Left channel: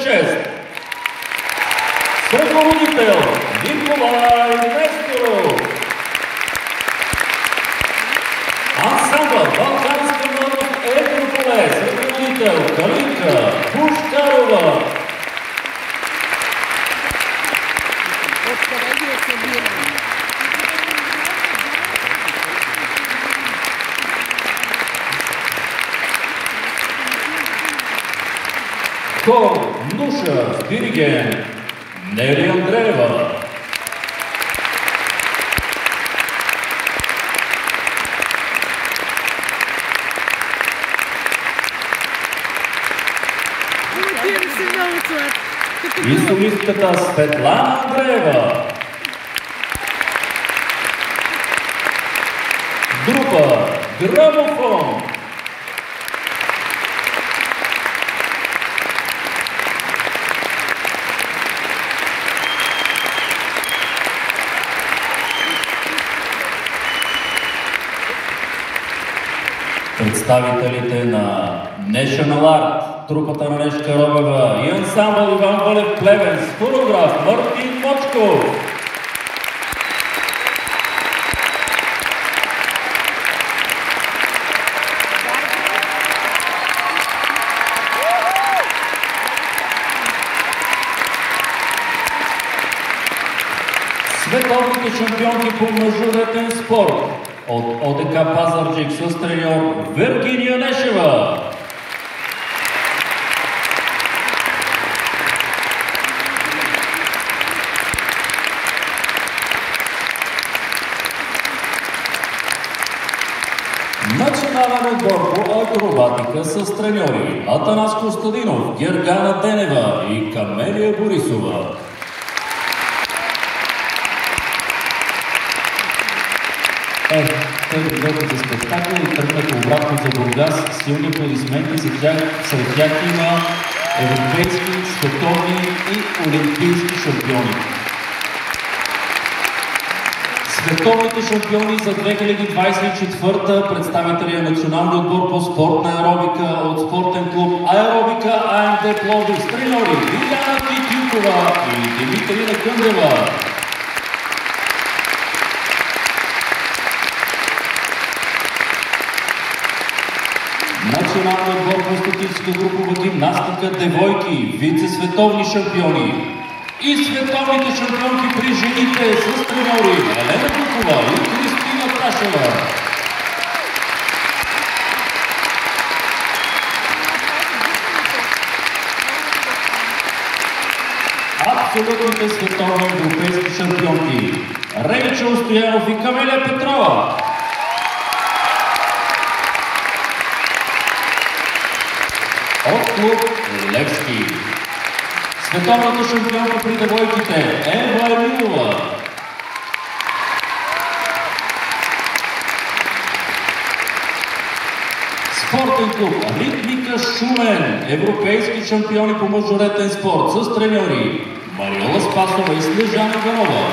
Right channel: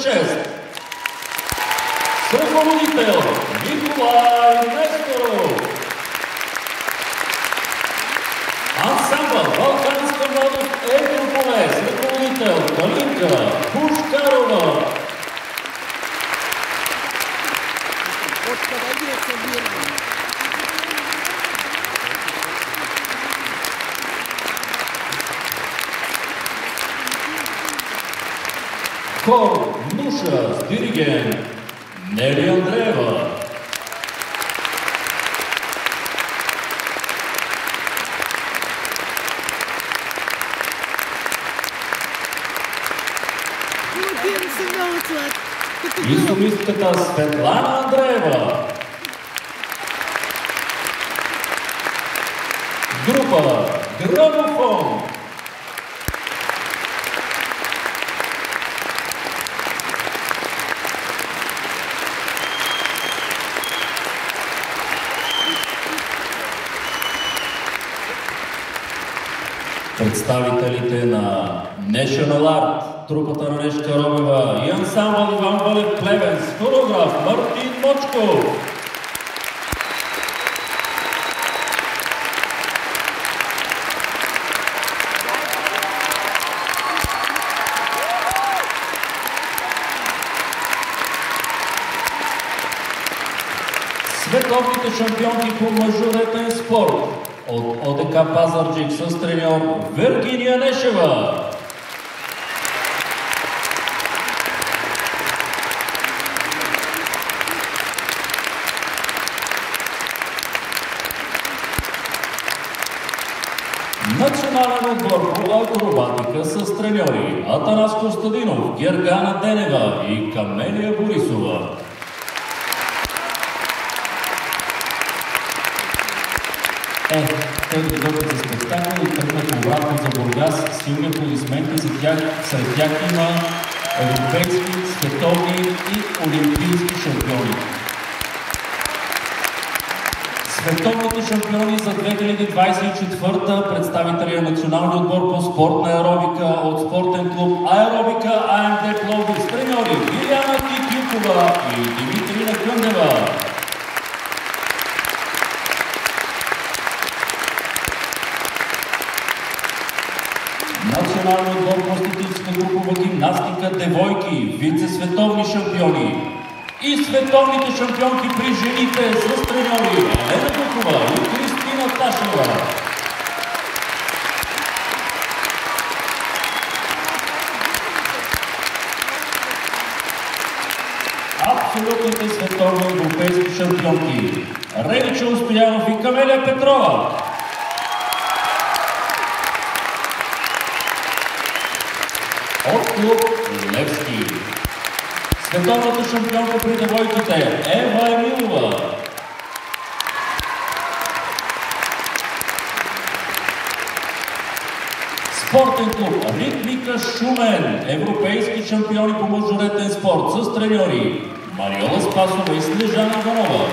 6. Съпроводител Николай Несторов. Ансамбъл Балканска младост Етрополе. Съпроводител Калинка Пушкарова. Хор Нуша с диригент Нели Андреева. И солистката Светлана Андреева. Група Грамофон. Представителите на National Art, трупата на Нешка Робева и ансамбъл Иван Валев Плевен с хореограф Мартин Мочков. Световните шампионки по мъжовете спорт от ОДК Пазарджик с треньор Виргиния Нешева. Национален отбор по акробатика с треньори Атанас Костадинов, Гергана Денева и Камелия Борисова. Тези двете за спектакъл и тръгнаха обратно за Бургас. Силни аплодисменти за тях. Сред тях има европейски, световни и олимпийски шампиони. Световните шампиони за 2024 представители на националния отбор по спортна аеробика от спортен клуб Аеробика АМД Пловдив с треньори Виляна Титюкова и Димитрина Кундева. Националният отбор по статическа групова гимнастика девойки, вице-световни шампиони и световните шампионки при жените с треньори Елена Дукова и Кристина Ташева. Абсолютните световни европейски шампионки Ревича Стоянов и Камелия Петрова. От клуб Левски. Световната шампионка при девойките Ева Емилова. Спортен клуб Ритмика Шумен. Европейски шампиони по мъжоретен спорт с треньори Мариола Спасова и Снежана Гарова.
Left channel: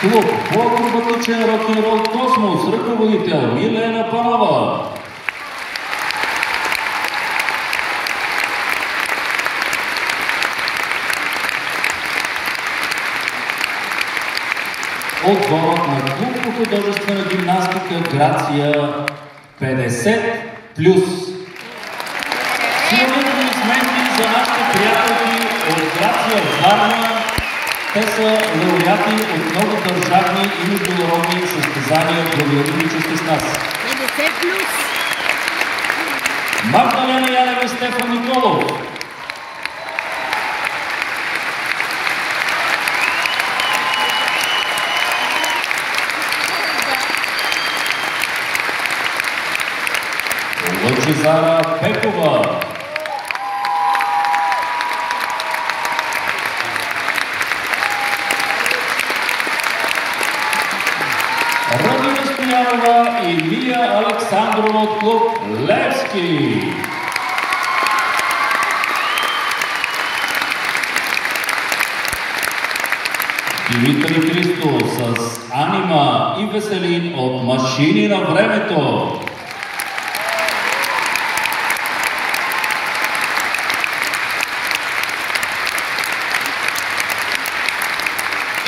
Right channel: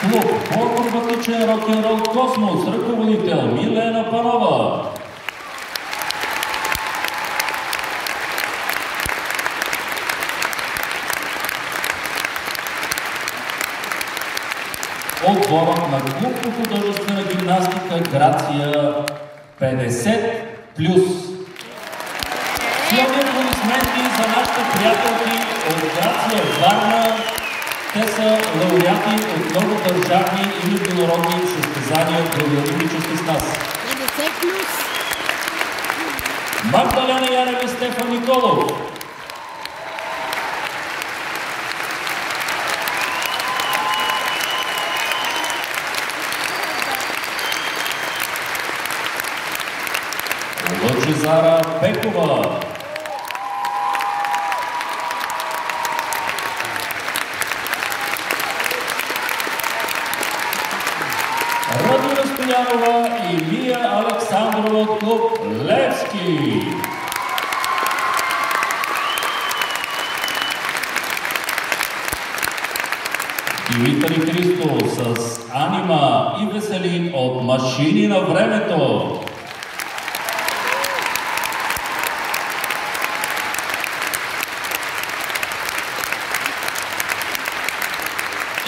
Клуб по акробатичен рок-н-рол Космос, ръководител Милена Панова. Отборът на клуб по художествена гимнастика Грация 50+. Силни аплодисменти за нашите приятелки от Грация Варна. Те са лауреати от много държавни и международни състезания. Благодарим, че сте с нас. 50+. Магдалена Янева и Стефан Николов. Лъчезара Пекова. Родина Стоянова и Мия Александрова от клуб Левски. Димитър Христо с Анима и Веселин от Машини на времето.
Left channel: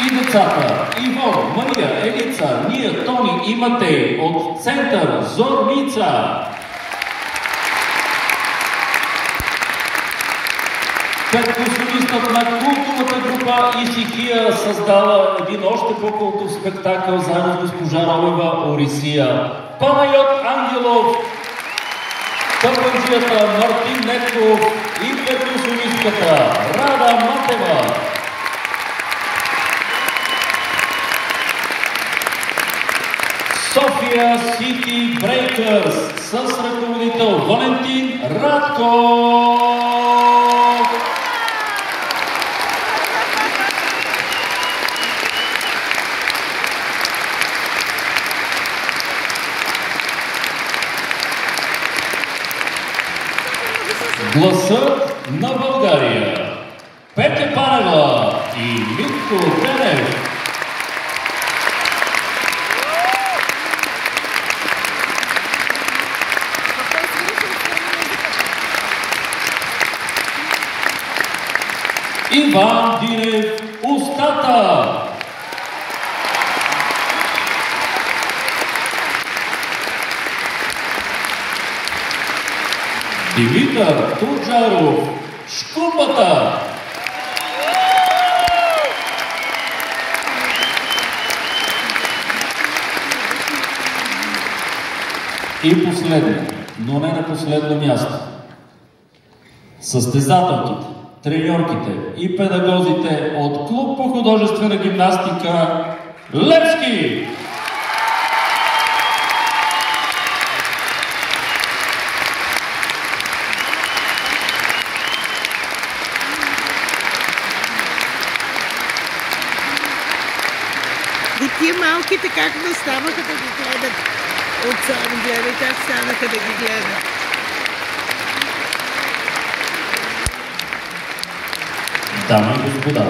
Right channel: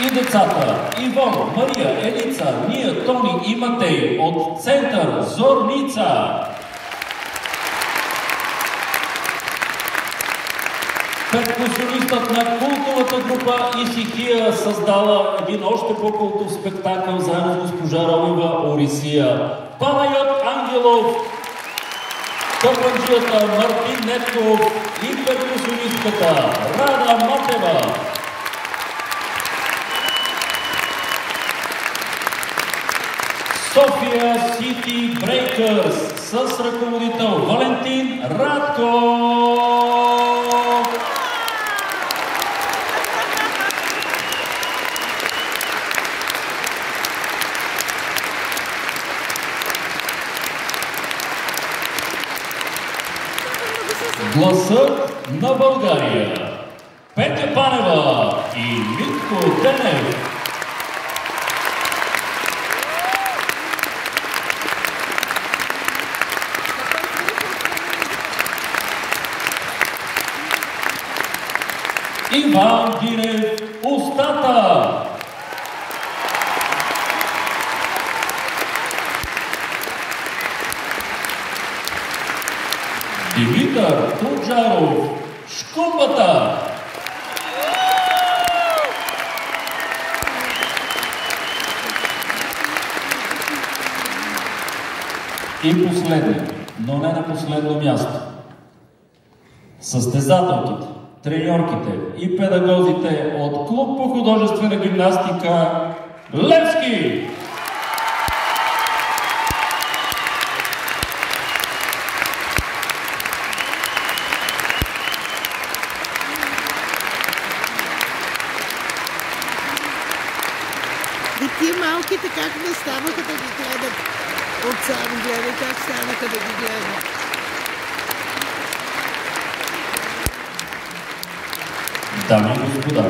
И децата Ивон, Мария, Елица, Ния, Тони и Матей от Център Зорница. Перкусионистът на култовата група Исихия създава един още по-култов спектакъл заедно с госпожа Робева Орисия. Панайот Ангелов, търпанджията Мартин Нетков и перкусионистката Рада Матева. София Сити Брейкърс с ръководител Валентин Радко. Гласът на България. Петя Панева и Митко Пенев. Иван Динев, Устата. Димитър Туджаров, Шкурбата. И последно, но не на последно място, състезателките, треньорките и педагозите от Клуб по художествена гимнастика Левски. И тия малките как наставаха да ги гледат отсам, гледай как станаха да ги гледат. Дами и господа,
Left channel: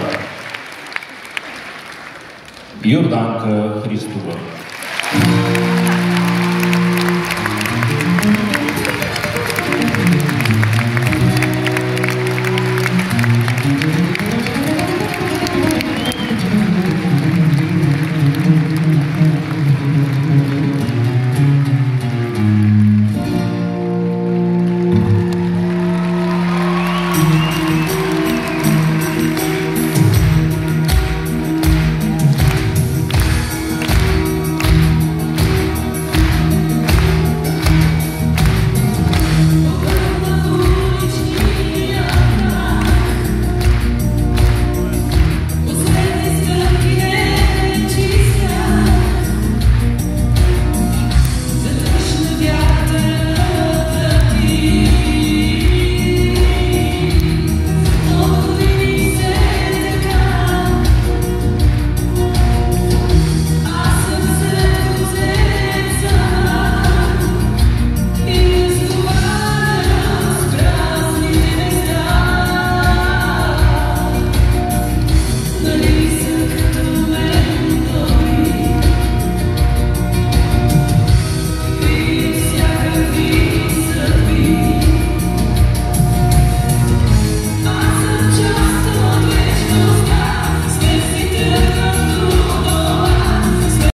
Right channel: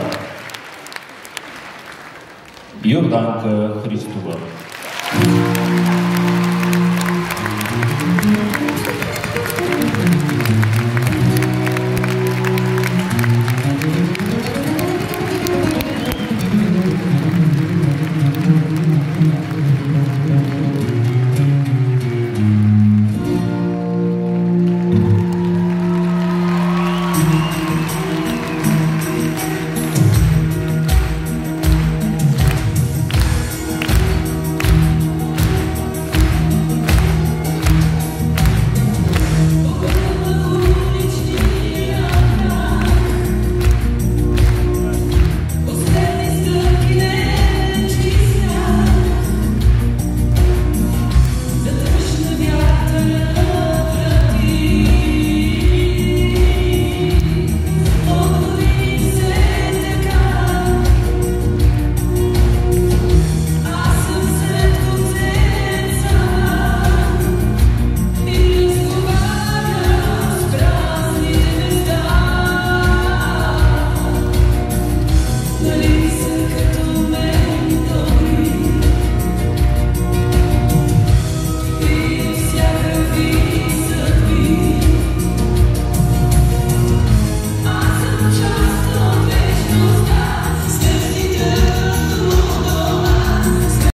Йорданка Христова.